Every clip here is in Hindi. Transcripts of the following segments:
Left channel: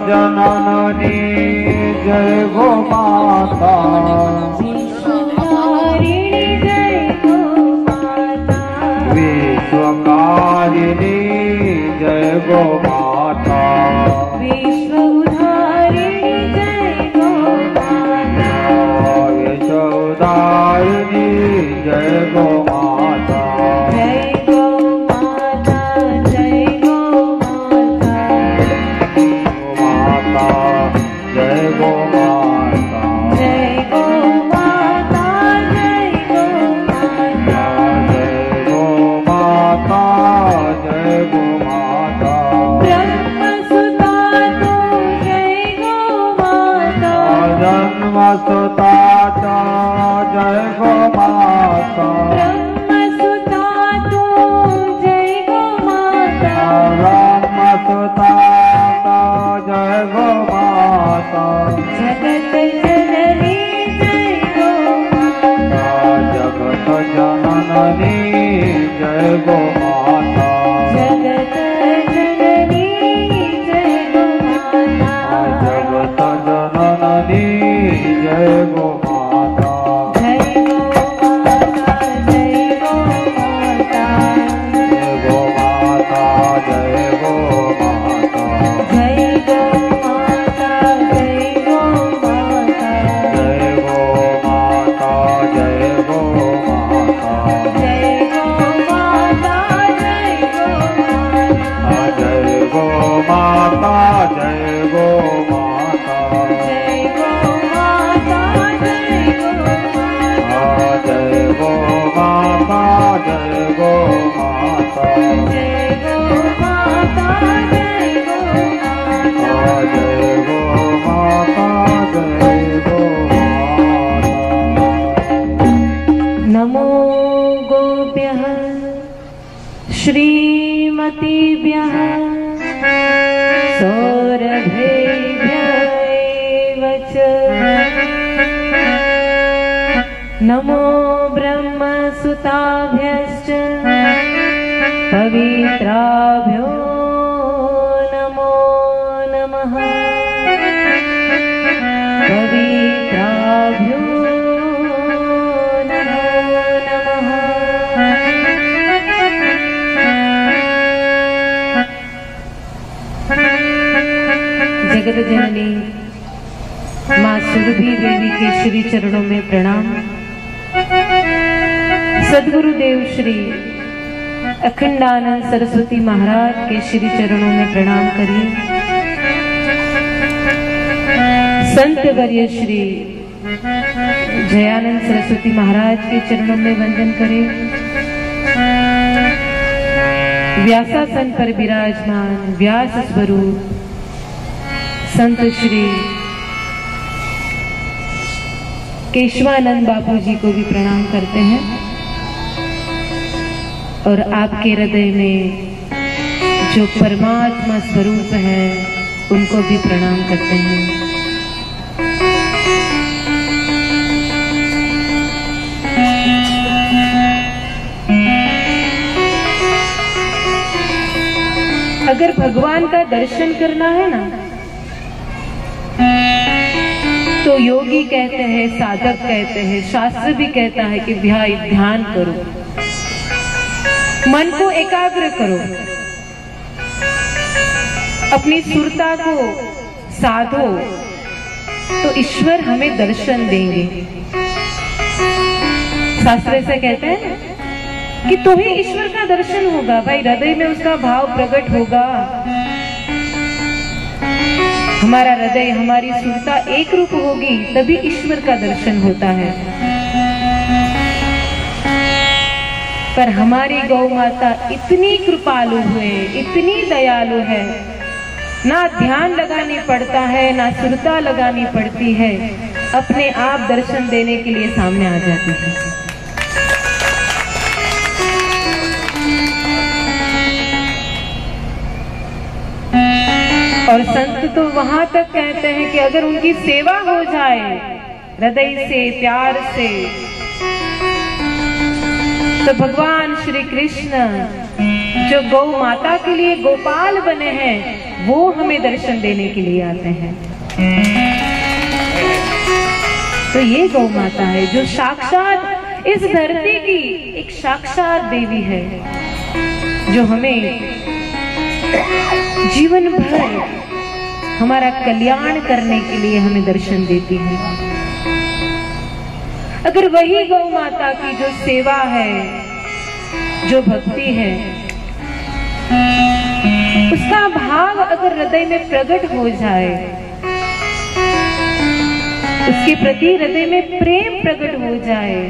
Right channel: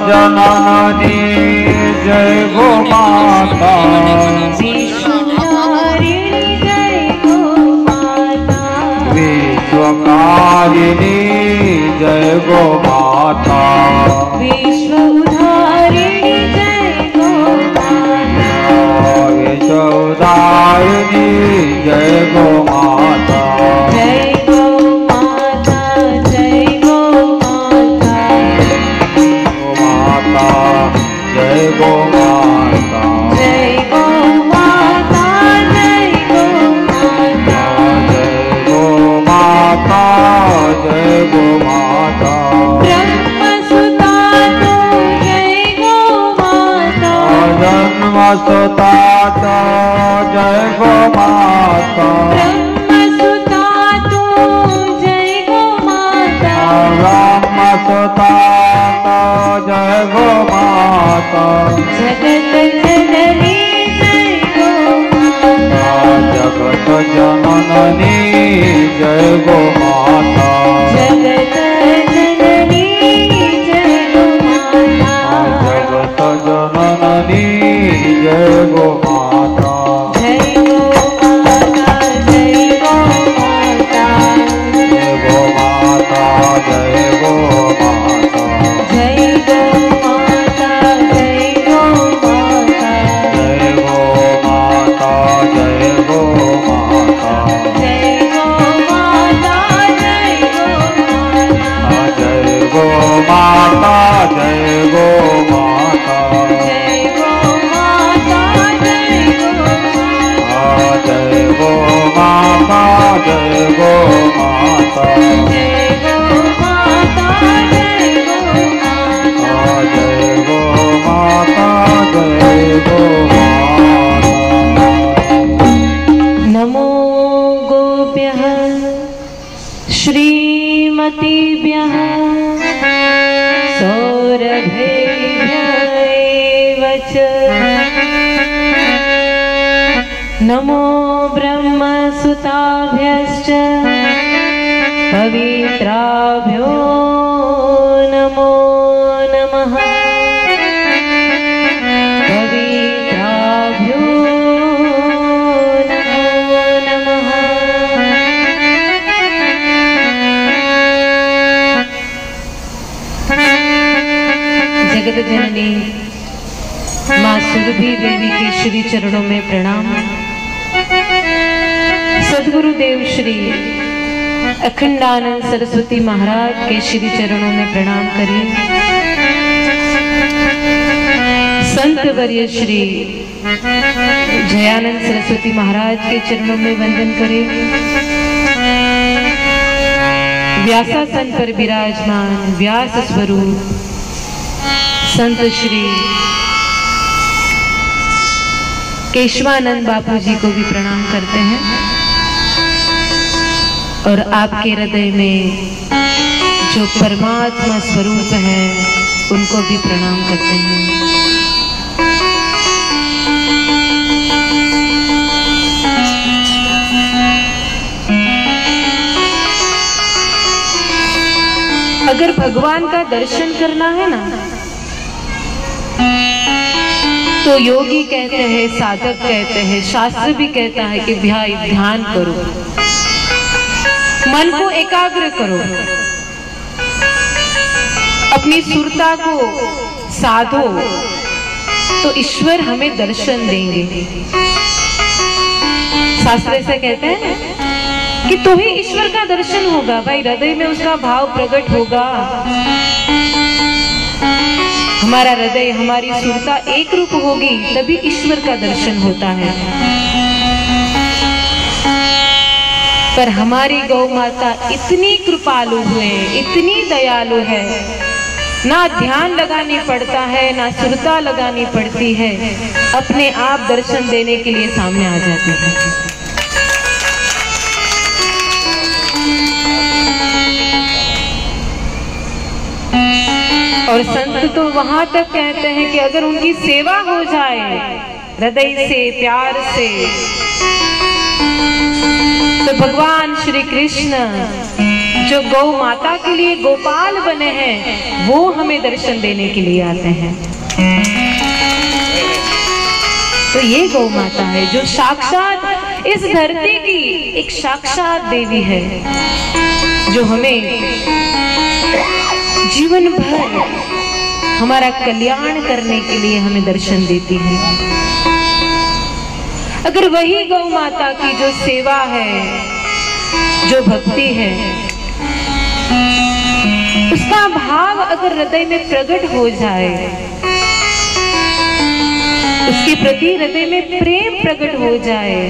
जननी जय गो माता, विश्वकारिणी जय गो माता, विश्वउद्धारिणी जय गो माता, विश्वउद्धारिणी जय गो माता, जय गो माता, जय गो माता, जय गो माता, जय गो माता, जय गो माता, जय गो माता, ब्रह्मसुता जय गो माता, जन्मसुता जय गो माता, ब्रह्मसुता जय गो माता, ब्रह्मसुता जय गो माता, जगत जननी जय गो माता, जगत जननी जय गो माता, जगत जननी जय गो माता, जगत जननी जय गो माता, जय गो माता, जय गो माता, जय गो माता, जय गो माता, जय गो माता, जय गो माता, जय गो माता, जय गो माता, जय गो माता, जय गो माता, जय गो माता, जय गो माता, जय गो माता, जय गो माता, जय गो माता, जय गो माता, जय गो माता। नमो गोप्यः श्रीमतीभ्यः सौरभेभ्यः च नमो ब्रह्मसुताभ्यश्च पवित्राभ्यो नमो नमः, पवित्राभ्यो नमो नमः। जगत जननी माँ सुरभि देवी के श्री चरणों में प्रणाम। सद्गुरुदेव श्री अखंडानंद सरस्वती महाराज के श्री चरणों में प्रणाम करिए। संत वर्य श्री जयानंद सरस्वती महाराज के चरणों में वंदन करें। व्यासासन पर विराजमान व्यास स्वरूप संत श्री केशवानंद बापू जी को भी प्रणाम करते हैं और आपके हृदय में जो परमात्मा स्वरूप है उनको भी प्रणाम करते हैं। अगर भगवान का दर्शन करना है ना तो योगी कहते हैं, साधक कहते हैं, शास्त्र भी कहता है कि भाई ध्यान करो, मन को एकाग्र करो, अपनी सुरता को साधो तो ईश्वर हमें दर्शन देंगे। शास्त्र से कहते हैं कि तो ही ईश्वर का दर्शन होगा, भाई हृदय में उसका भाव प्रकट होगा। हमारा हृदय, हमारी सुरता एक रूप होगी तभी ईश्वर का दर्शन होता है। पर हमारी गौ माता इतनी कृपालु है, इतनी दयालु है, ना ध्यान लगानी पड़ता है, ना सुरता लगानी पड़ती है, अपने आप दर्शन देने के लिए सामने आ जाती है। और संत तो वहां तक कहते हैं कि अगर उनकी सेवा हो जाए हृदय से, प्यार से, तो भगवान श्री कृष्ण जो गौ माता के लिए गोपाल बने हैं वो हमें दर्शन देने के लिए आते हैं। तो ये गौ माता है जो साक्षात इस धरती की एक साक्षात देवी है, जो हमें जीवन भर हमारा कल्याण करने के लिए हमें दर्शन देती है। अगर वही गौ माता की जो सेवा है, जो भक्ति है, उसका भाव अगर हृदय में प्रकट हो जाए, उसके प्रति हृदय में प्रेम प्रकट हो जाए,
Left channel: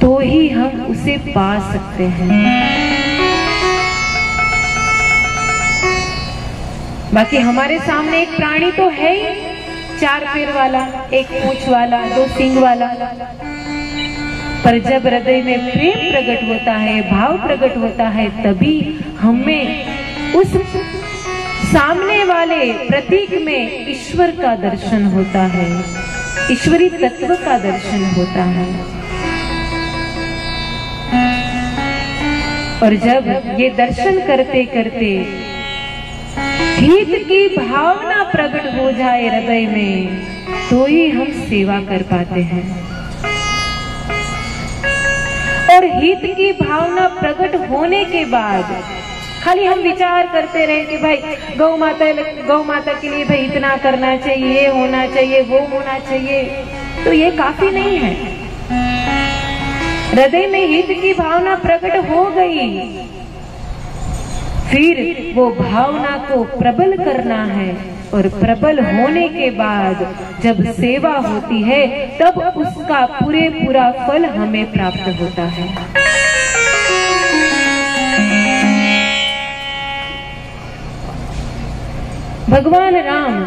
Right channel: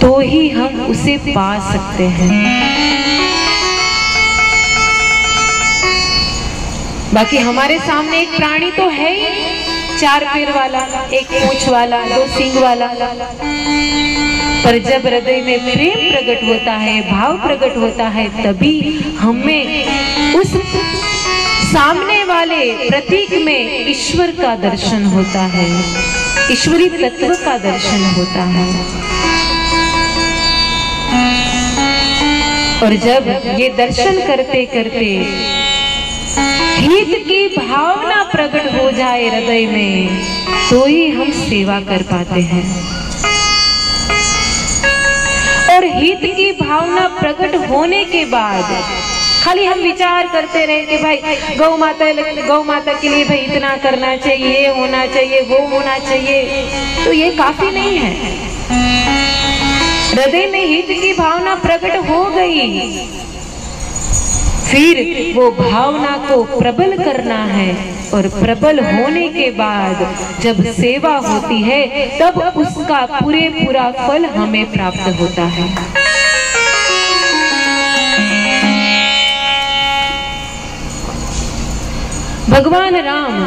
तो ही हम उसे पा सकते हैं। बाकी हमारे सामने एक प्राणी तो है ही, 4 पैर वाला, 1 पूंछ वाला, 2 सींग वाला, पर जब हृदय में प्रेम प्रकट होता है, भाव प्रकट होता है, तभी हमें उस सामने वाले प्रतीक में ईश्वर का दर्शन होता है, ईश्वरी तत्व का दर्शन होता है। और जब ये दर्शन करते करते हित की भावना प्रकट हो जाए हृदय में, तो ही हम सेवा कर पाते हैं। और हित की भावना प्रकट होने के बाद खाली हम विचार करते रहे कि भाई गौ माता के लिए भाई इतना करना चाहिए, ये होना चाहिए, वो होना चाहिए, तो ये काफी नहीं है। हृदय में हित की भावना प्रकट हो गई, फिर वो भावना को प्रबल करना है, और प्रबल होने के बाद जब सेवा होती है तब उसका पूरा फल हमें प्राप्त होता है। भगवान राम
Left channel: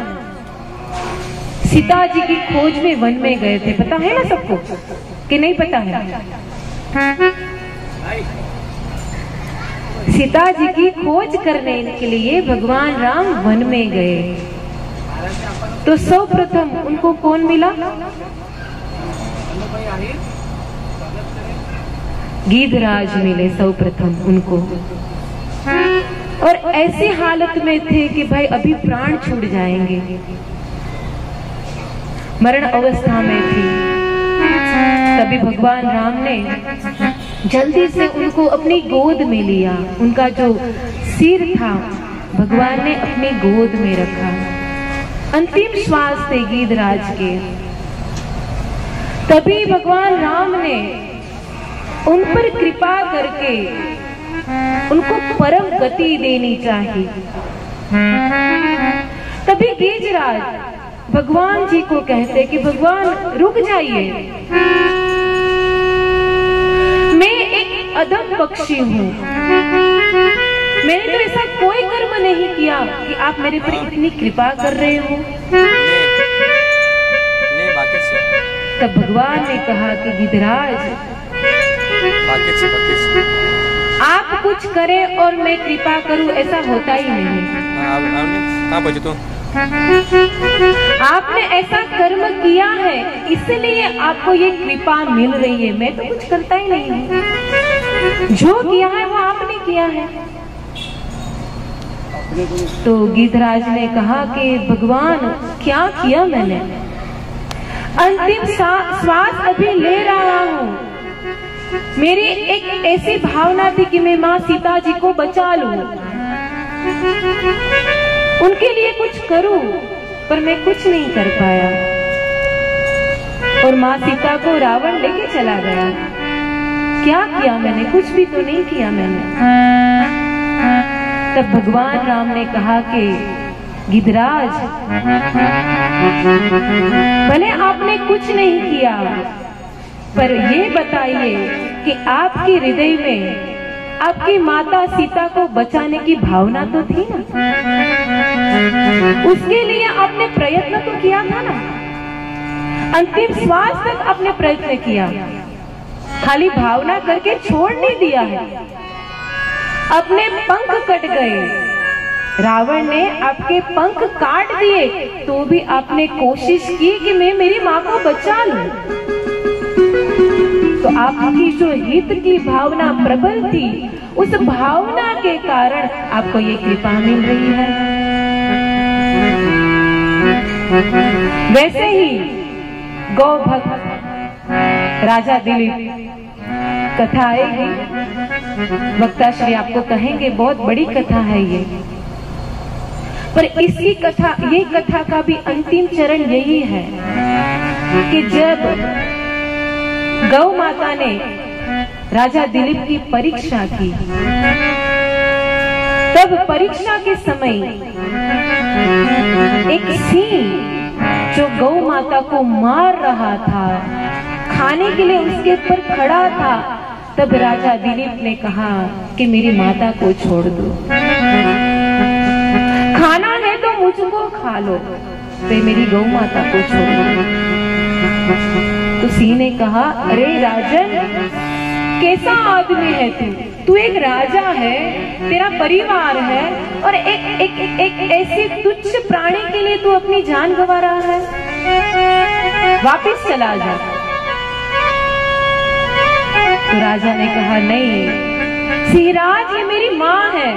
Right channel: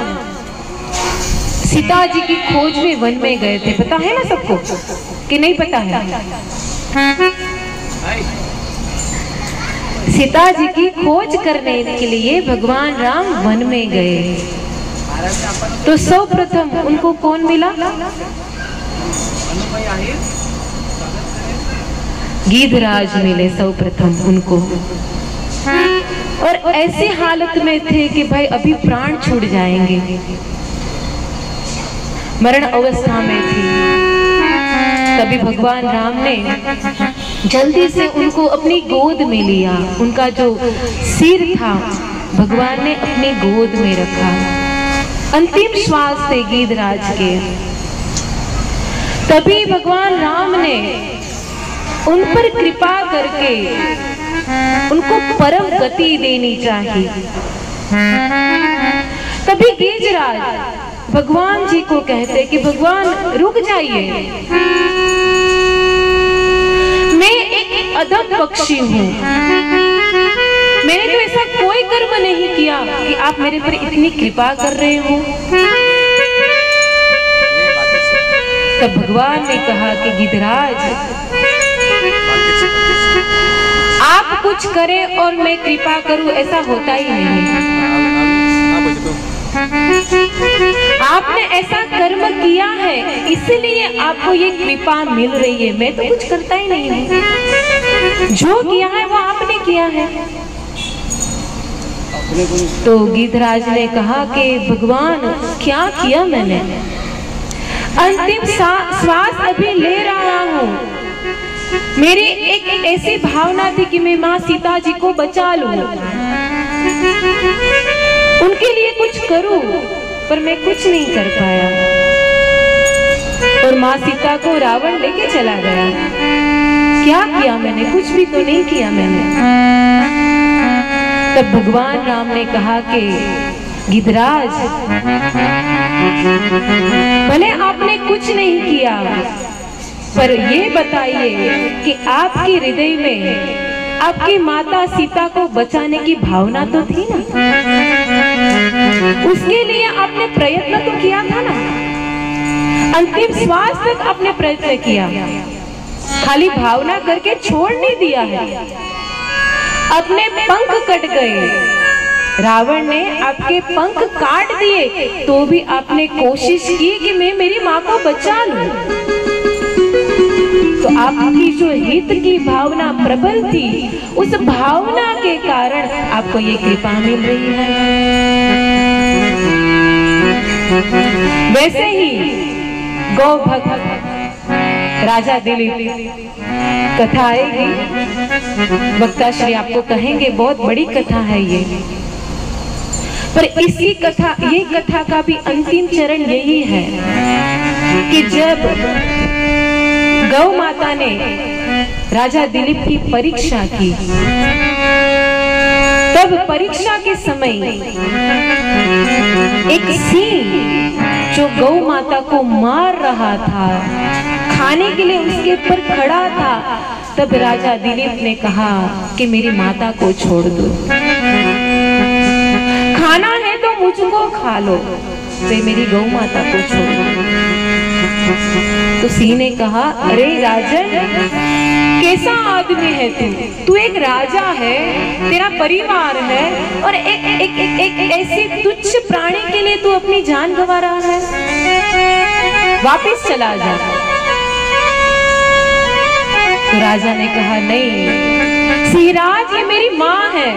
सीता जी की खोज में वन में गए थे, पता है ना सबको कि नहीं पता है? सीता जी की खोज करने के लिए भगवान राम वन में गए, तो सर्वप्रथम उनको कौन मिला? गीधराज मिले सर्वप्रथम उनको, और ऐसी हालत में थे कि भाई अभी प्राण छूट जाएंगे, मरण अवस्था में थी। तभी भगवान राम ने जल्दी से उनको अपनी गोद में लिया, उनका जो सिर था भगवान ने अपनी गोद में रखा। अंतिम श्वास थे गीधराज के। तभी भगवान राम ने उन पर कृपा करके उनको परम गति देनी चाहिए। तभी गीधराज भगवान जी को कहते कि भगवान रुक जाइए, मैं एक अधम पक्षी हूँ, मैंने तो ऐसा कोई कर्म नहीं किया कि आप मेरे पर इतनी कृपा कर रहे हो। तब भगवान ने कहा कि गीधराज, आप कुछ करें और मैं कृपा करूं, ऐसा होता ही नहीं। आपने ऐसा कर्म किया है इसलिए आपको ये कृपा मिल रही है, मैं तो कुछ करता ही नहीं हूँ, जो किया है वो आपने किया है। तो गीधराज ने कहा कि भगवान क्या किया मैंने, अंतिम श्वास अभी ले रहा हूँ, मेरी एक ऐसी भावना थी कि मैं माँ सीता जी को बचा लूं, उनके लिए कुछ करूं, पर मैं कुछ नहीं कर पाया, और माँ सीता को रावण लेके चला गया। क्या किया मैंने? कुछ भी तो नहीं किया मैंने। तब भगवान राम ने कहा कि गिद्धराज, भले आपने कुछ नहीं किया, पर ये बताइए कि आपके हृदय में आपकी माता सीता को बचाने की भावना तो थी ना? उसके लिए आपने प्रयत्न तो किया था ना? अंतिम श्वास तक आपने प्रयत्न किया, खाली भावना करके छोड़ नहीं दिया है। अपने पंख कट गए, रावण ने आपके पंख काट दिए, तो भी आपने कोशिश की कि मैं मेरी माँ को बचा लूं। तो आपकी जो हित की भावना प्रबल थी, उस भावना के कारण आपको ये कृपा मिल रही है। वैसे ही गौ भक्त राजा दिलीप कथा आएगी, वक्ता श्री आपको कहेंगे बहुत बड़ी कथा है ये, पर इसी कथा, ये कथा का भी अंतिम चरण यही है कि जब गौ माता ने राजा दिलीप की परीक्षा की, तब परीक्षा के समय एक सिंह जो गौ माता को मार रहा था, खाने के लिए उसके ऊपर खड़ा था, तब राजा दिलीप ने कहा कि मेरी माता को छोड़ दो, खाना है तो मुझको खा लो, तो मेरी गौ माता को छोड़ दो। तो सिंह ने कहा, अरे राजन, कैसा आदमी है तू? तू एक राजा है, तेरा परिवार है, और एक ऐसे तुच्छ प्राणी के लिए तू अपनी जान गंवा रहा है, वापिस चला जा। तो राजा ने कहा, नहीं सिंहराज, ये मेरी माँ है,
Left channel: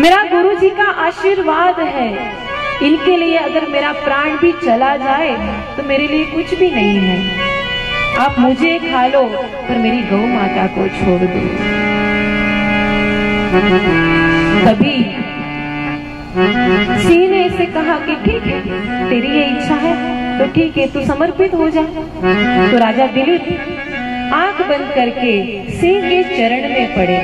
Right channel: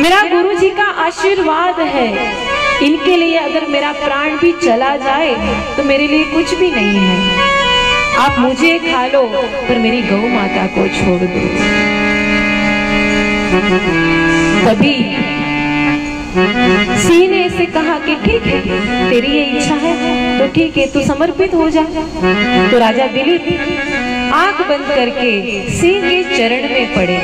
मेरा गुरुजी का आशीर्वाद है, इनके लिए अगर मेरा प्राण भी चला जाए तो मेरे लिए कुछ भी नहीं है, आप मुझे खा लो पर मेरी गौ माता को छोड़ दो। तभी सिंह ने इसे कहा कि ठीक है, तेरी ये इच्छा है तो ठीक है, तू समर्पित हो जा। तो राजा दिलीप आंख बंद करके सिंह के चरण में पड़े।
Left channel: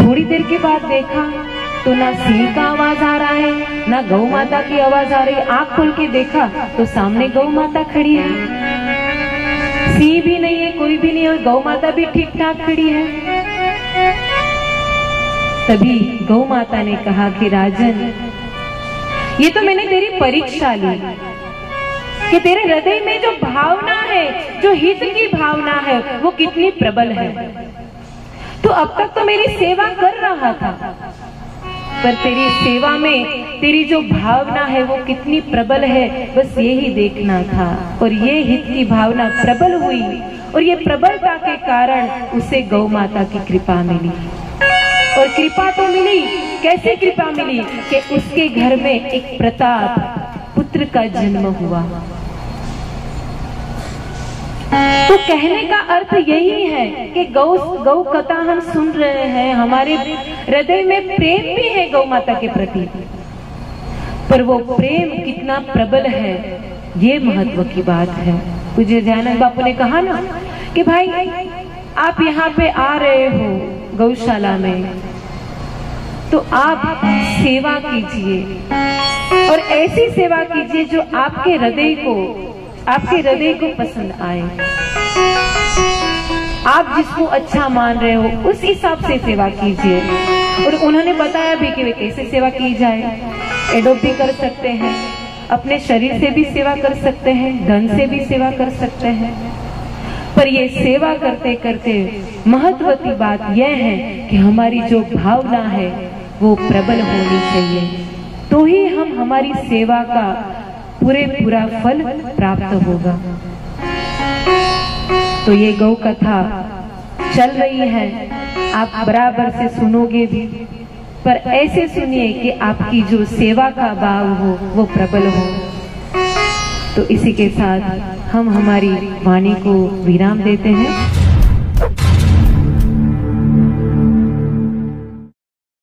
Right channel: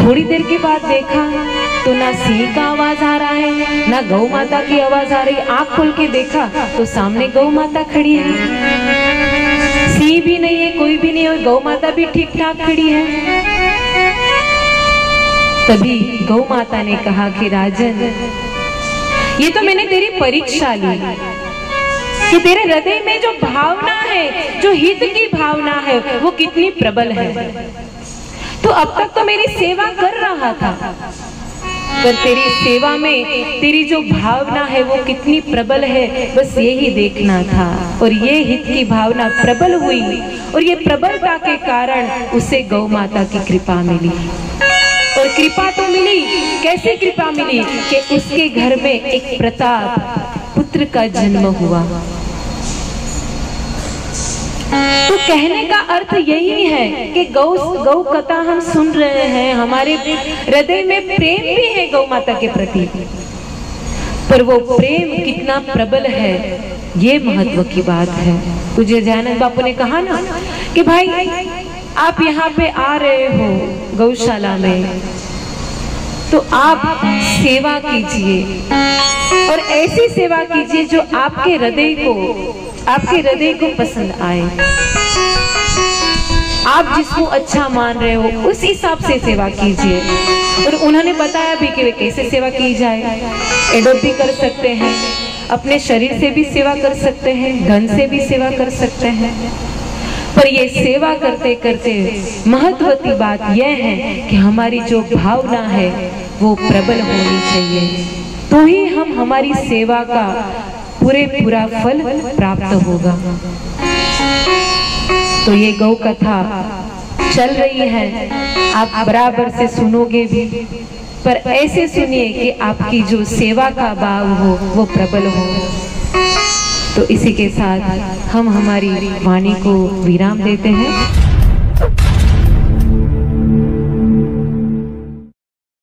थोड़ी देर के बाद देखा तो ना सिंह का आवाज आ रहा है, ना गौ माता की आवाज आ रही है। आंख खोल के देखा तो सामने गौ माता खड़ी है, सिंह भी नहीं है, कोई भी नहीं है, गौ माता भी ठीक ठाक खड़ी है। तभी गौ माता ने कहा कि राजन, ये तो मैंने तेरी परीक्षा ली कि तेरे हृदय में जो भावना है, जो हित की भावना है, वो कितनी प्रबल है। तो अब तक तो मेरी सेवा कर रहा था, पर तेरी सेवा में तेरी जो भावना है वो कितनी प्रबल है, बस यही देखना था। और ये हित की भावना प्रबल हुई, और ये प्रबलता के कारण उसे गौ माता की कृपा मिली। और कृपा तो मिली, कैसे कृपा मिली कि उसके घर में एक प्रताप पुत्र का जन्म हुआ। तो कहने का अर्थ यही है कि गौ कथा हम सुन रहे हैं, हमारे हृदय में प्रेम भी है गौ माता के प्रति, पर वो प्रेम कितना प्रबल है, ये महत्व की बात है। पूज्य दयानंद बापू ने कहा ना कि भाई आप यहाँ पे आ रहे हो गौशाला में, तो आप सेवा कीजिए, और ऐसी सेवा कीजिए जो आपके हृदय को पसंद आए। आप जिसको अच्छा मान रहे हो उस हिसाब से सेवा कीजिए। और उन्होंने बताया भी कि वे कैसे सेवा की जाए। एडोप भी कर सकते हैं, अपने शरीर से भी सेवा कर सकते हैं, धन से भी सेवा कर सकते हैं, पर ये सेवा करते करते महत्व की बात यह है कि हमारी जो भावना है वो प्रबल होनी चाहिए, तो ही हम हमारी सेवा का पूरा फल प्राप्त होगा। तो ये गौ कथा चल रही है, आप बराबर से सुनोगे भी, पर ऐसे सुनिए कि आपकी जो सेवा का भाव हो वो प्रबल हो। तो इसी के साथ हम हमारी वाणी को विराम देते हैं।